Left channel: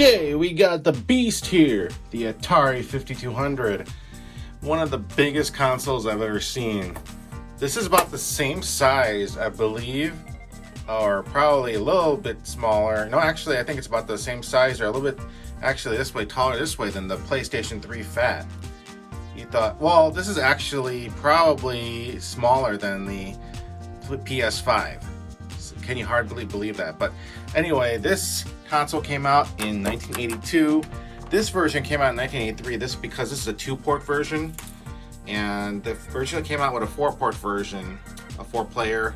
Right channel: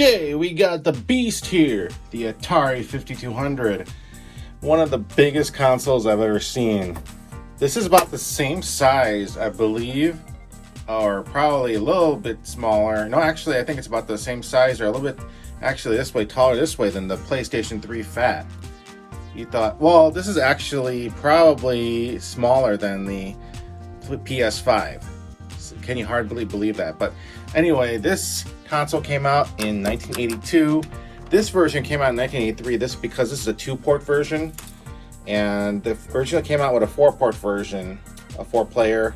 today we got the beast here, the Atari 5200. One of the biggest consoles I've ever seen. This is about the same size, I believe, or probably a little bit smaller. No, actually, I think it's about the same size, or a little bit, actually, this way, taller this way than the PlayStation 3 Fat. You thought, well, this is actually probably smaller than the PS5. So can you hardly believe that? But anyway, this console came out in 1982. This version came out in 1983. This because this is a 2-port version, and the version that came out with a 4-port version, a 4-player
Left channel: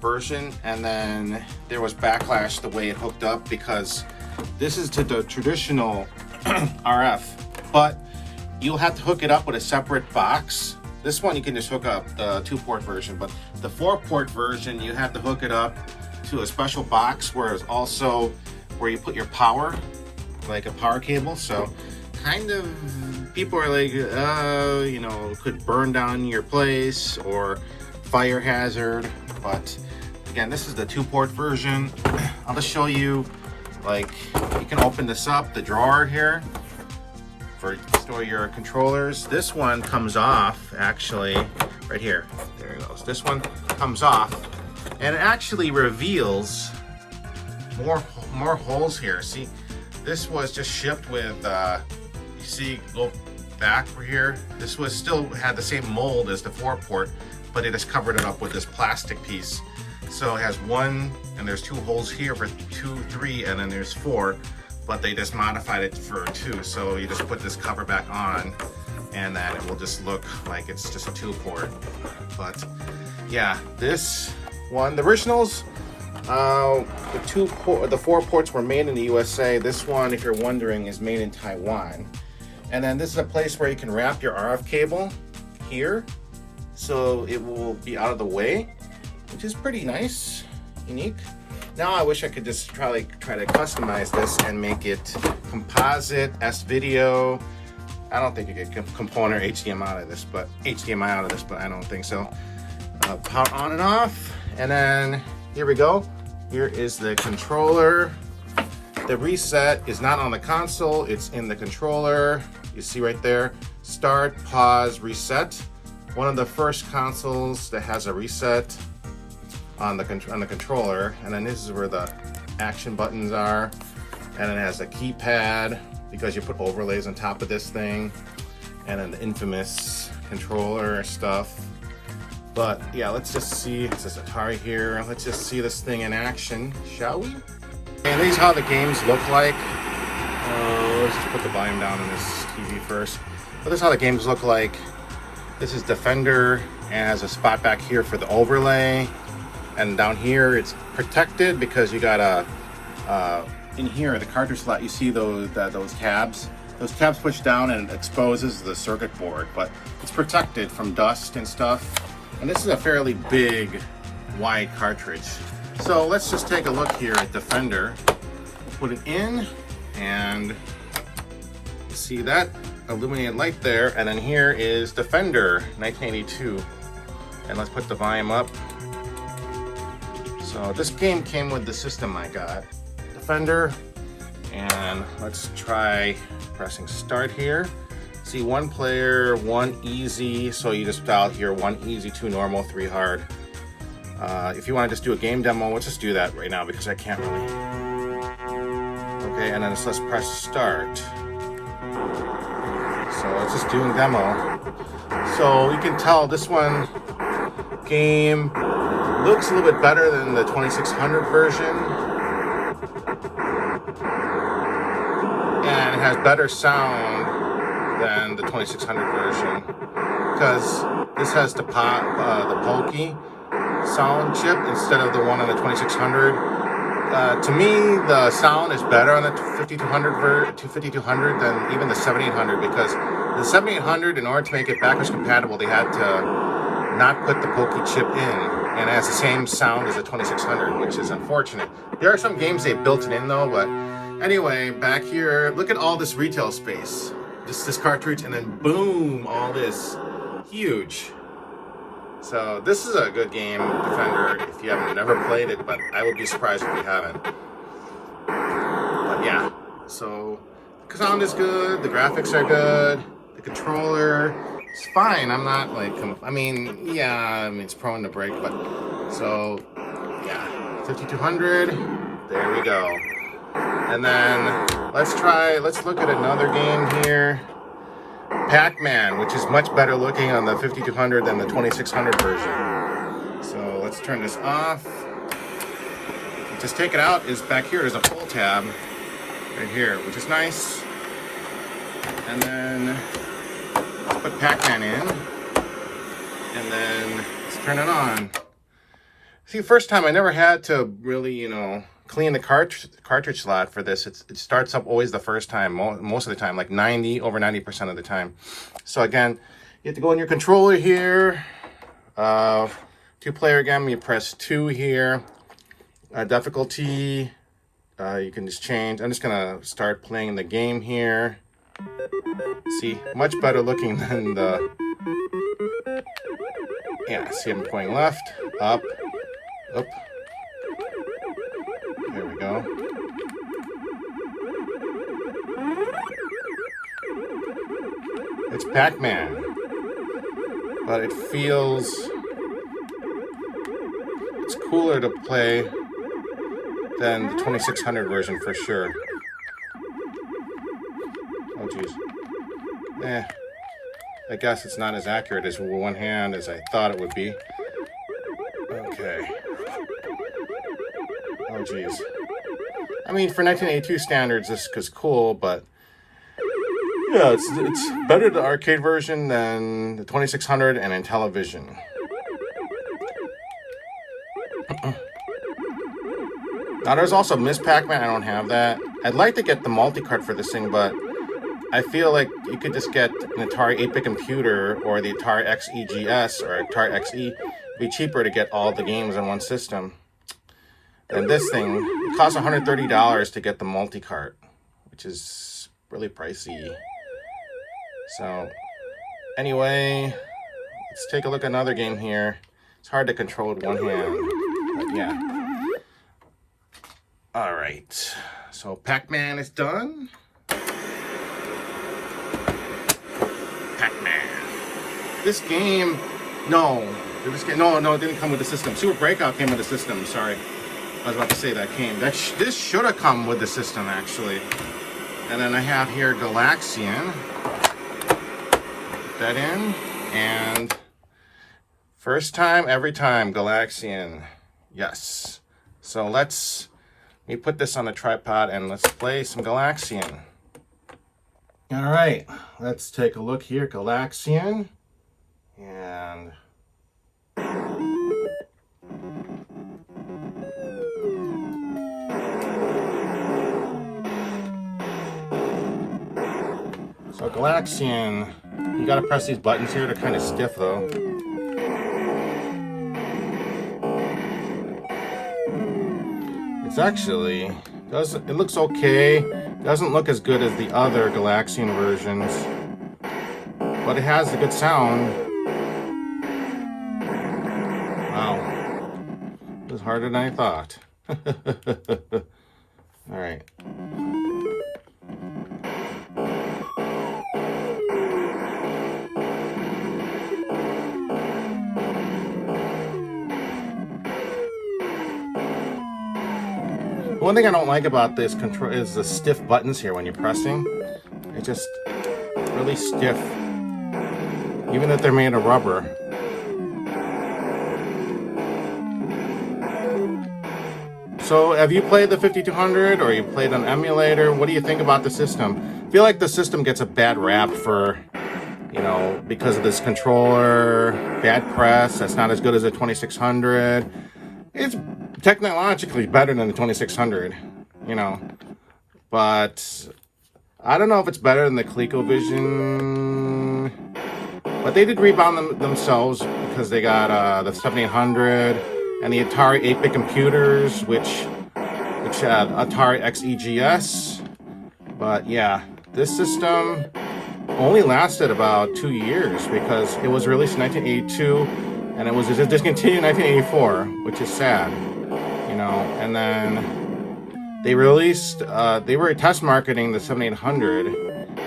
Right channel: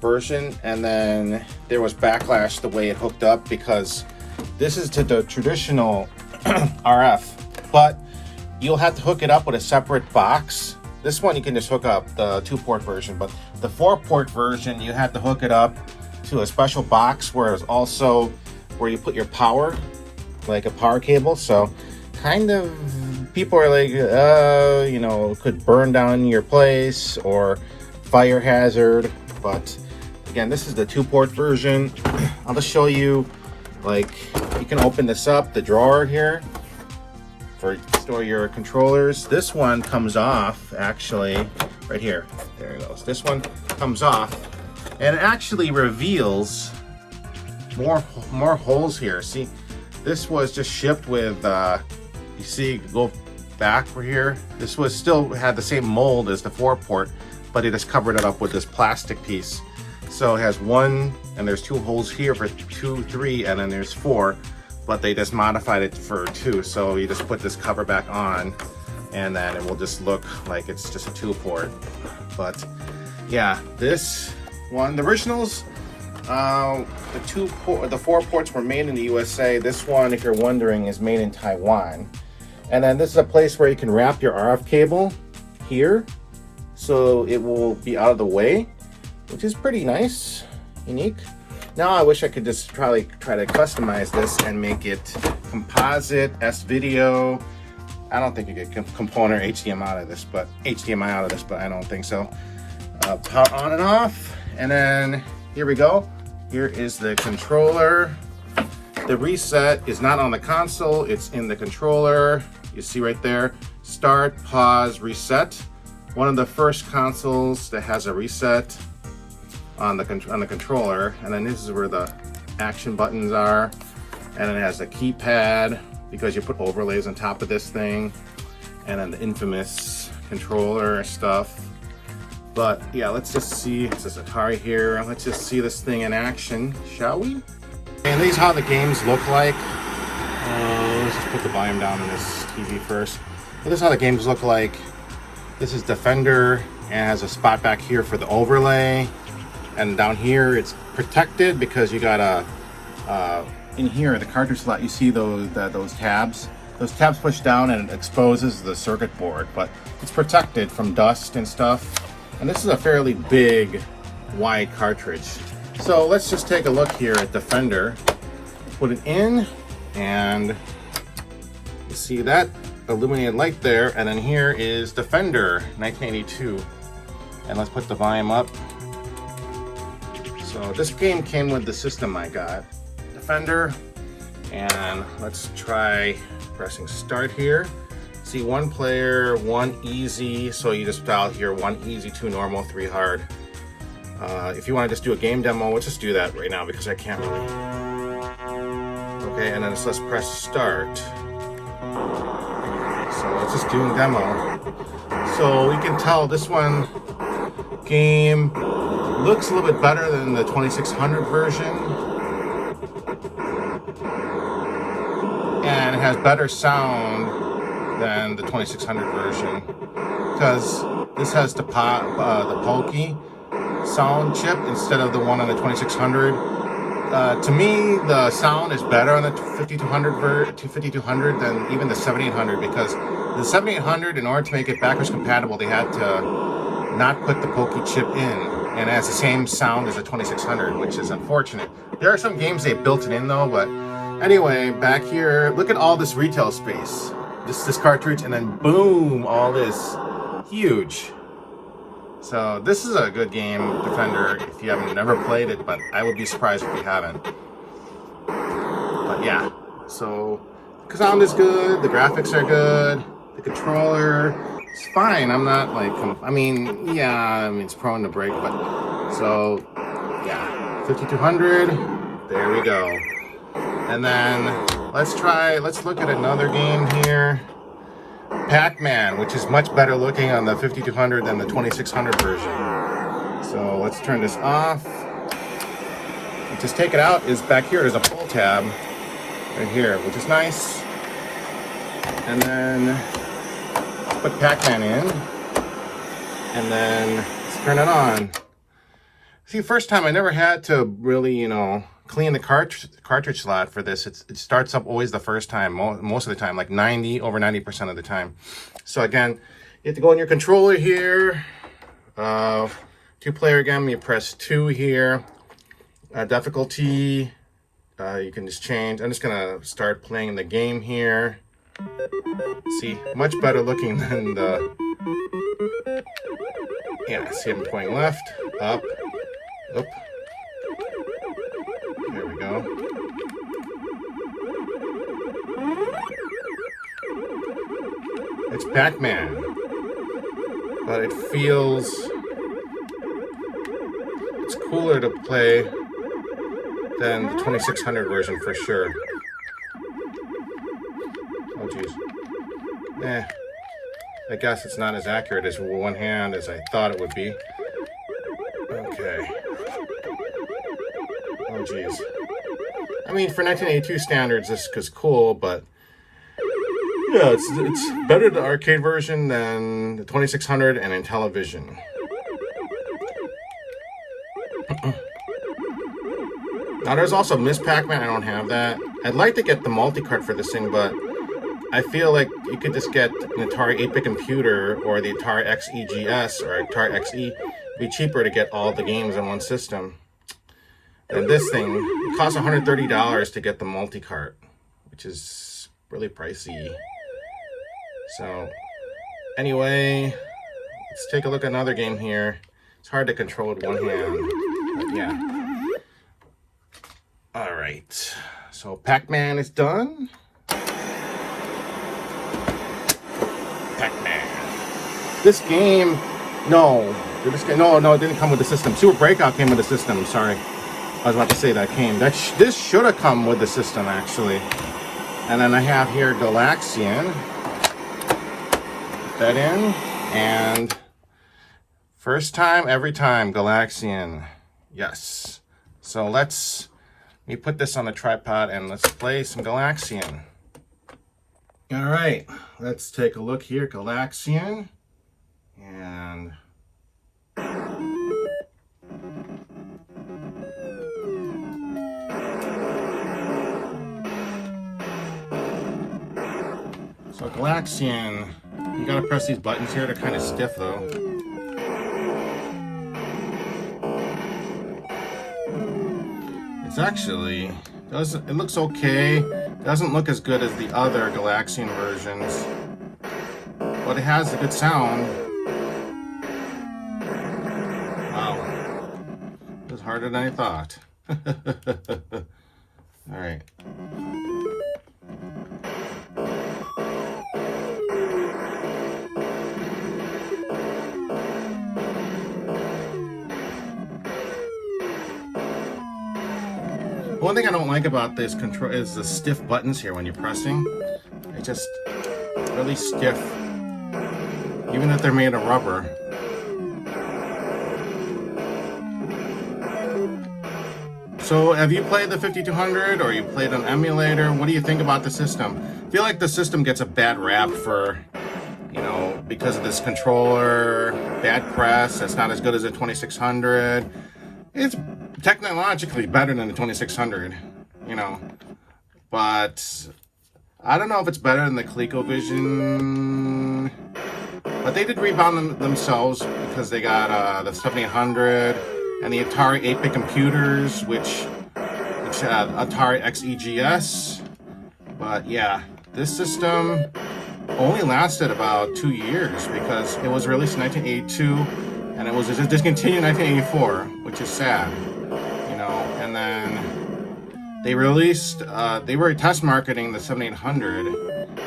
version, and then there was backlash the way it hooked up because this is to the traditional RF, but you'll have to hook it up with a separate box. This one you can just hook up the 2-port version, but the 4-port version you have to hook it up to a special box where it's also where you put your power, like a power cable. So kind of people are like, you know, could burn down your place or fire hazard. But again, this is the 2-port version. I'll just show you, like, you can open this up, the drawer here, for store your controllers. This one comes off, actually, right here. There it goes. This one comes off, and it actually reveals more holes here. See, this was just shipped with, you see, go back for here. This was still had the same mold as the 4-port, but they just covered it up with this plastic piece. So it has one, and there's 2 holes here for 2, 3, and then there's 4. But they just modified it for 2, so you just put this cover back on and then it will just look like it's just a 2-port. But yeah, this one, the originals, the 4 ports were made in the USA. This one, if you're wondering, is made in Taiwan. And then this is a place where you can wrap your RF cable here, so it will be out of the way, which is pretty nice, unique. Now I wish I could just try to customize this and make it composite, S-video. I don't think you get component HDMI out of this, but I don't think so. Power on and off, and then here we go. Here is the controller. The reset is not on the console, it's in the controller. You see right there, start, pause, reset. One of the first consoles that has a reset on the controller, and then this is where the action buttons are, and it has a keypad because you put overlays on top of this thing, and then the infamous controller stuff. But yeah, let's just see. It says Atari here. Let's just see this thing in action, shall we? And these are how the games look like. Let's just put the volume down on this TV first. But this is how the games look like. This is Defender, and it has a spot back here for the overlay. And down here it's protected because you got a in here the cartridge slot. You see those tabs. Those tabs push down and it exposes the circuit board, but it's protected from dust and stuff. And this is a fairly big, wide cartridge. So let's just take a look here at Defender. Put it in, and you see that illuminated light there. And then here is Defender 1982. And let's put the volume up. So this game came with the system I got, Defender, and let's try pressing start here. See, 1 player, 1 easy, so you just dial here 1 easy, 2 normal, 3 hard. If you want to just do a game demo, let's just do that right now because I can't really. Okay, and then let's press start. So let's just do a demo. So you can tell this one game looks a little bit better than the 2600 version, and it has better sound than the 2600 version because this has the Polky sound chip instead of the one on the 2600. To me, the sound is better on the 5200 than even the 7800, because the 7800, in order to make it backwards compatible, they had to not put the Polky chip in. And it has the same sound as the 2600, which is unfortunate. There are some games they built it in though, but anyway, back here, look at all this retail space. Just this cartridge, and then boom, all this. Huge. So this is a good game, Defender, if you haven't never played it, but I would be surprised if you haven't. But yeah, So the sound is good, the graphics are good, the controller is fine. I'm not like, I mean, it's prone to break, but so yeah, 5200, there we go. And then let's look at another game here. Pac-Man, which is much better looking on the 5200 than the 2600 version. So let's turn this off. Just take it out, is back here, there's a pull tab right here, which is nice. And then put Pac-Man in, and then let's turn it on. See, first time I never had to really, clean the cartridge slot for this. It starts up always the first time, most of the time, like over 90% of the time. So again, you have to go in your controller here, 2-player game, you press 2 here. Difficulty, you can just change. I'm just gonna start playing the game here. See, much better looking than the, see, I'm going left, up. There we go. It's Pac-Man, but it's cooler to play than the 2600 version for sure. Oh geez. I guess it's not as accurate as one hand as I thought it would be. Okay. Oh geez. I mean, for 1982 standards, this is cool, but yeah, it's better the arcade version than the 2600 and Intellivision. Now there's also Miss Pac-Man. I don't have that. I'd like to get the multi-cart for this thing, but I feel like you could just get an Atari 8-bit computer or the Atari XEGS or Atari XE. It'd be cheaper to get all the games in one system. And this thing, it costs $130 to get the multi-cart, which is really pricey. So anyway, let's take a look at another game here. It's hard to control with one hand, but yeah. All right, so Pac-Man is done. Pac-Man. This game, no, it didn't come with the system. Super Breakout came with the system. Sorry, I was about to say that came. This should have come with the system actually. And then I have here Galaxian. Put that in, and first time, every time, Galaxian. Yes. So let me put this on the tripod and let's play some Galaxian. All right, let's take a look here, Galaxian. And so Galaxian, you gotta press these buttons here. They're kind of stiff though. It's actually, it looks okay. Doesn't look as good as the other Galaxian versions, but it has a good sound. Wow, it was harder than I thought. All right. One thing I don't like about this control is the stiff buttons here when you're pressing. It's just really stiff, even if they're made of rubber. So have you played the 5200 or you played an emulator? What do you think about the system? I feel like the system gets a bad rap for, because of this controller, bad press. It's not as good as a 2600. It's technologically better than the 2600, but I don't know if it's better than the ColecoVision. But they did rebound themselves because they got the 7800 and the Atari 8-bit computers, which Atari XEGS. But yeah, this system only lasted about 2 years because it was released in 1982 and it was discontinued in 1984, which is sad. And then they released, they were test marketing the 7800,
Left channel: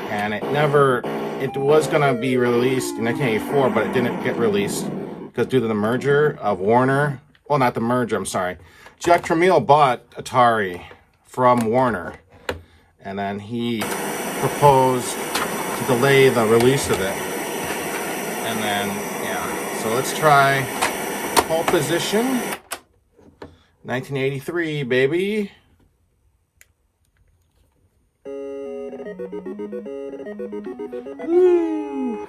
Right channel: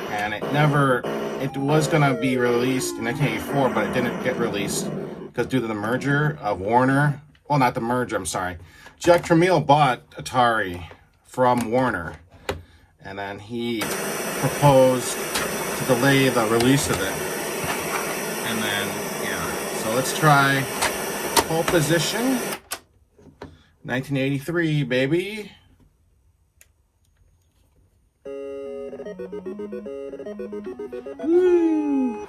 and it was gonna be released in 1984, but it didn't get released because due to the merger of Warner, well, not the merger, I'm sorry. Jack Tramiel bought Atari from Warner, and then he proposed to delay the release of it. And then, yeah, so let's try pole position. 1983, baby. Woo.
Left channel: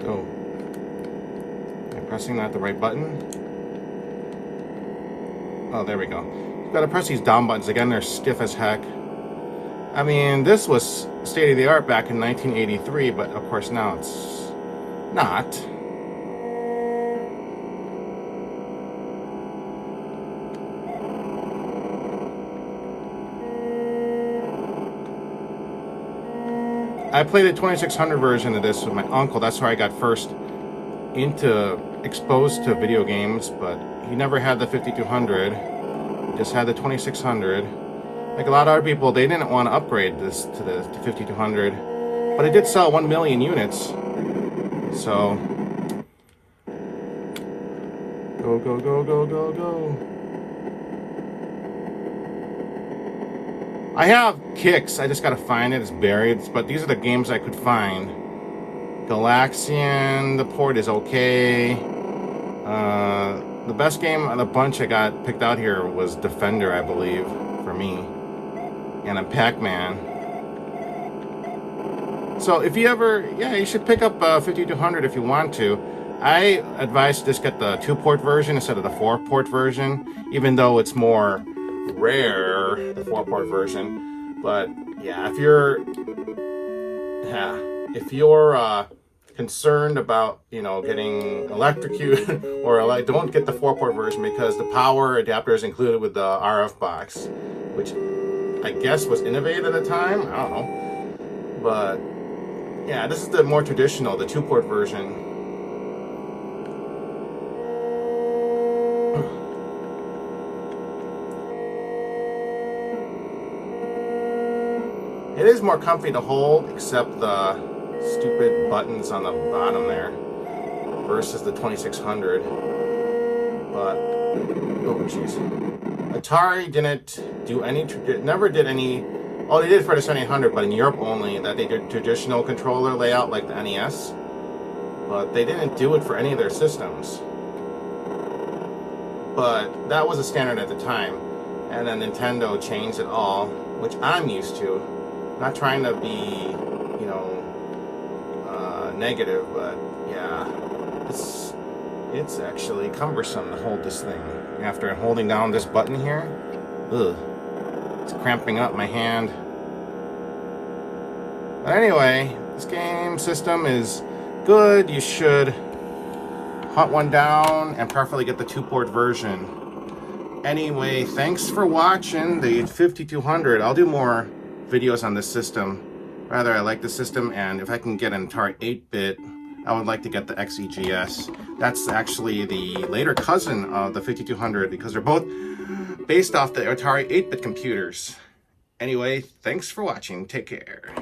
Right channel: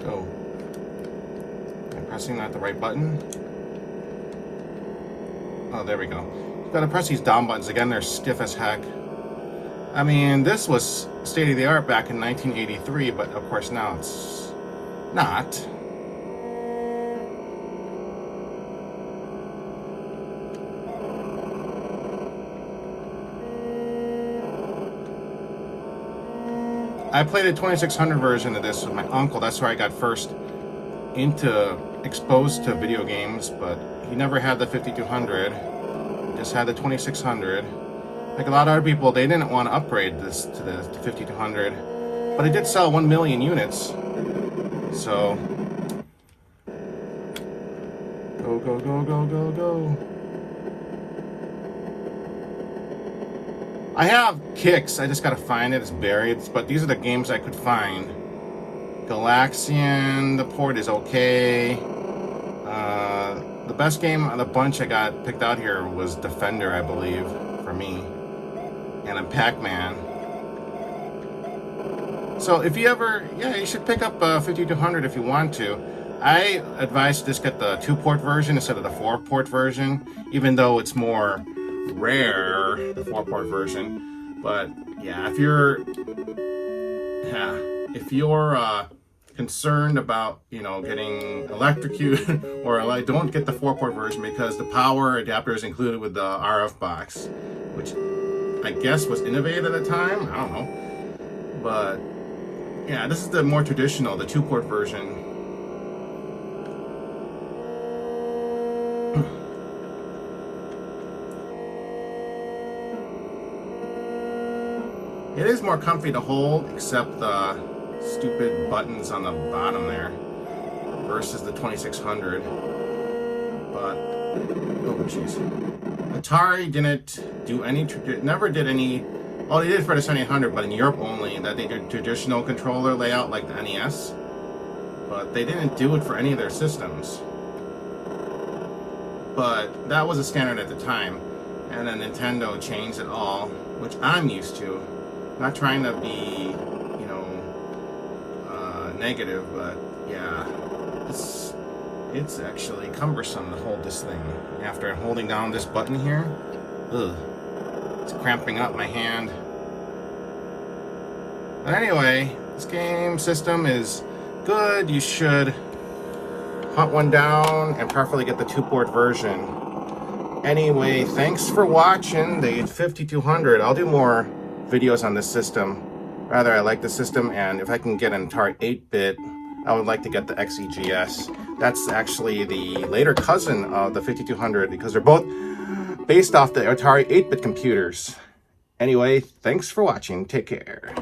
Go. Am I pressing not the right button? Oh, there we go. You've got to press these down buttons. Again, they're stiff as heck. I mean, this was state of the art back in 1983, but of course now it's not. I played the 2600 version of this with my uncle. That's where I got first exposed to video games, but he never had the 5200. Just had the 2600. Like a lot of other people, they didn't want to upgrade this to the 5200, but it did sell 1 million units. So go, go, go, go, go, go. I have Kicks, I just gotta find it, it's buried, but these are the games I could find. Galaxian, the port is okay. The best game of the bunch I got picked out here was Defender, I believe, for me. And a Pac-Man. So if you ever, yeah, you should pick up 5200 if you want to. I advise just get the 2-port version instead of the 4-port version, even though it's more rare, the 4-port version. But yeah, if you're concerned about, you know, getting electrocuted or like, don't get the 4-port version because the power adapter is included with the RF box, which I guess was innovative at the time. I don't know, but yeah, this is the more traditional, the 2-port version. It is more comfy to hold, except the stupid buttons on the bottom there versus the 2600. But oh jeez, Atari didn't do any, never did any. Oh, they did for the 7800, but in Europe only. That they did traditional controller layout like the NES, but they didn't do it for any of their systems. But that was a standard at the time, and then Nintendo changed it all, which I'm used to. Not trying to be, you know, negative, but yeah, it's actually cumbersome to hold this thing. After holding down this button here, ugh, it's cramping up my hand. But anyway, this game system is good. You should hunt one down and preferably get the 2-port version. Anyway, thanks for watching the 5200. I'll do more videos on this system. Rather, I like the system, and if I can get an Atari 8-bit, I would like to get the XEGS. That's actually the later cousin of the 5200 because they're both based off the Atari 8-bit computers. Anyway, thanks for watching. Take care.